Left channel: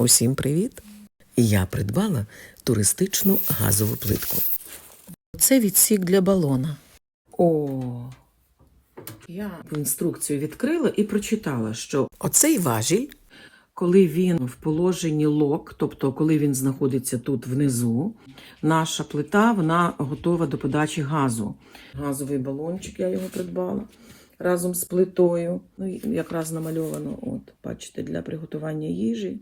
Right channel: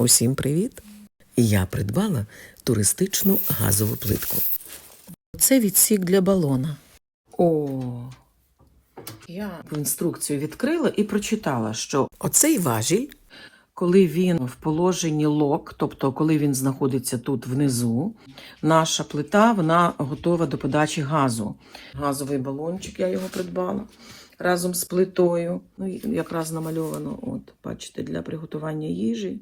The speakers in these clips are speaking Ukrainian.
Усім привіт! Я придбала туристичну газову плитку. Це відсік для балона. О. Я інструкцію відкрила і прочитала, що оцей важіль, коли він в положенні лок, тобто коли він знаходиться тут внизу, наша плита вона готова до подачі газу. Газовий балончик, я його придбала разом з плитою. Ну, якраз намальовано, от, бачите, для приготування їжі.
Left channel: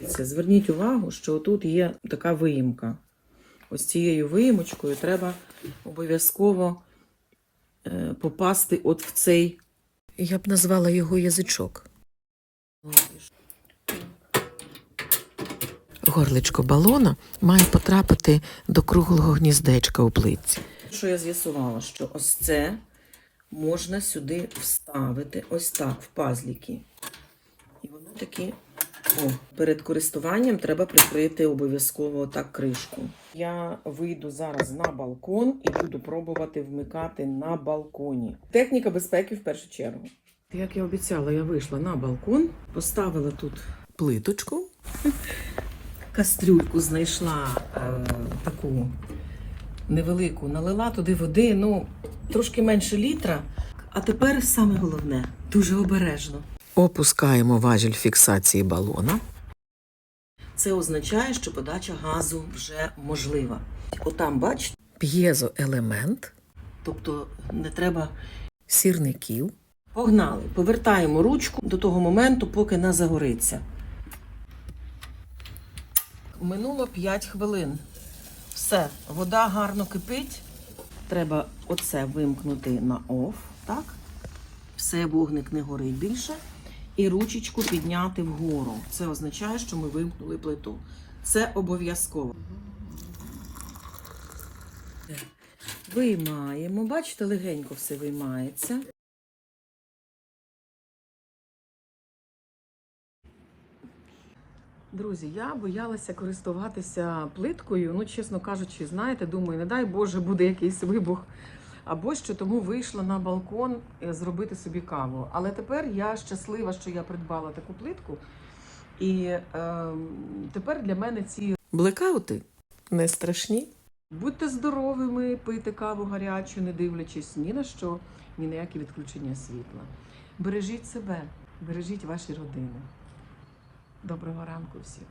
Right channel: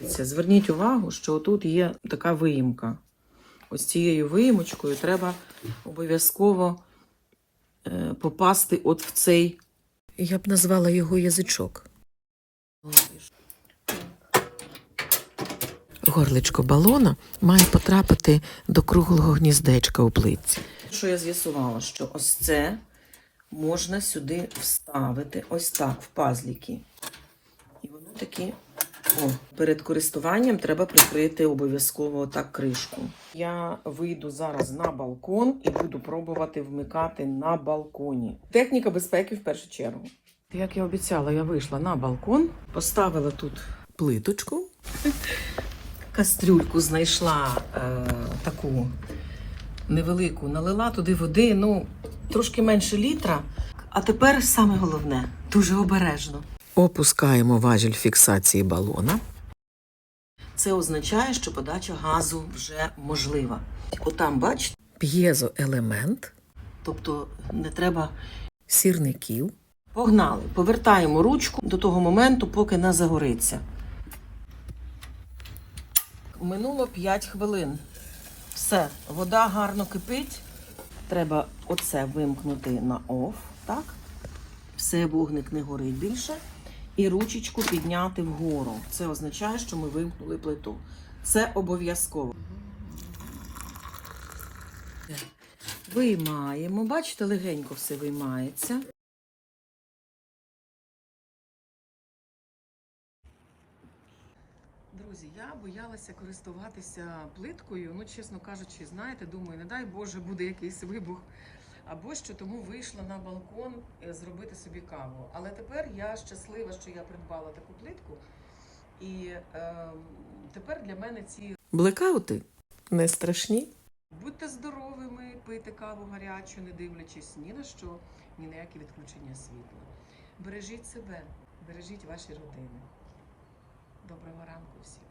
Дивіться, Зверніть увагу, що тут є така виїмка. Ось цією виїмочкою треба обов'язково е, попасти от в цей. Я б назвала його язичок. Горличко балона має потрапити до круглого гніздечка у плитці. Що я з'ясувала, що ось це можна сюди вставити ось так в пазліки. І воно таки о, перед користуванням треба прикрити обов'язково так кришку. Я вийду зараз на балкон і буду пробувати вмикати на балконі. Техніка безпеки в першу чергу. Як я обіцяла, я вийшла на балкон, поставила тут плиточку, кастрюльку знайшла е, таку невелику, налила туди води, ну, трошки менше літра. А тепер саме головне, дуже обережно. Опускаємо важіль фіксації балона. Це означає, що подача газу вже можлива. Отам, бачите, п'єзоелемент, тобто не треба сірників. Погнали, повертаємо ручку до того моменту, поки не загориться. Минуло 5 хвилин. Все, вода гарно кипить. Треба оце вимкнути на оф, так? Все, вогник не горить більше. І ручечку підняти вгору. Це означає, що ми вимкнули плиту. Це обов'язково. Виймаємо. Бачите, легенько все виймається. Друзі, я боялася користуватися плиткою. Ну, чесно кажучи, знаєте, думаю, не дай Боже, буде якийсь вибух або що, тому вийшла на балкон е, зробити собі каву. Але тепер я щаслива, що я придбала таку плитку. І е, тепер для мене ці блекаути не страшні. Будьте здоровими, пийте каву гарячу, не дивлячись ні на що, ні на які відключення світла. Бережіть себе, бережіть ваші родини. Доброго ранку всім.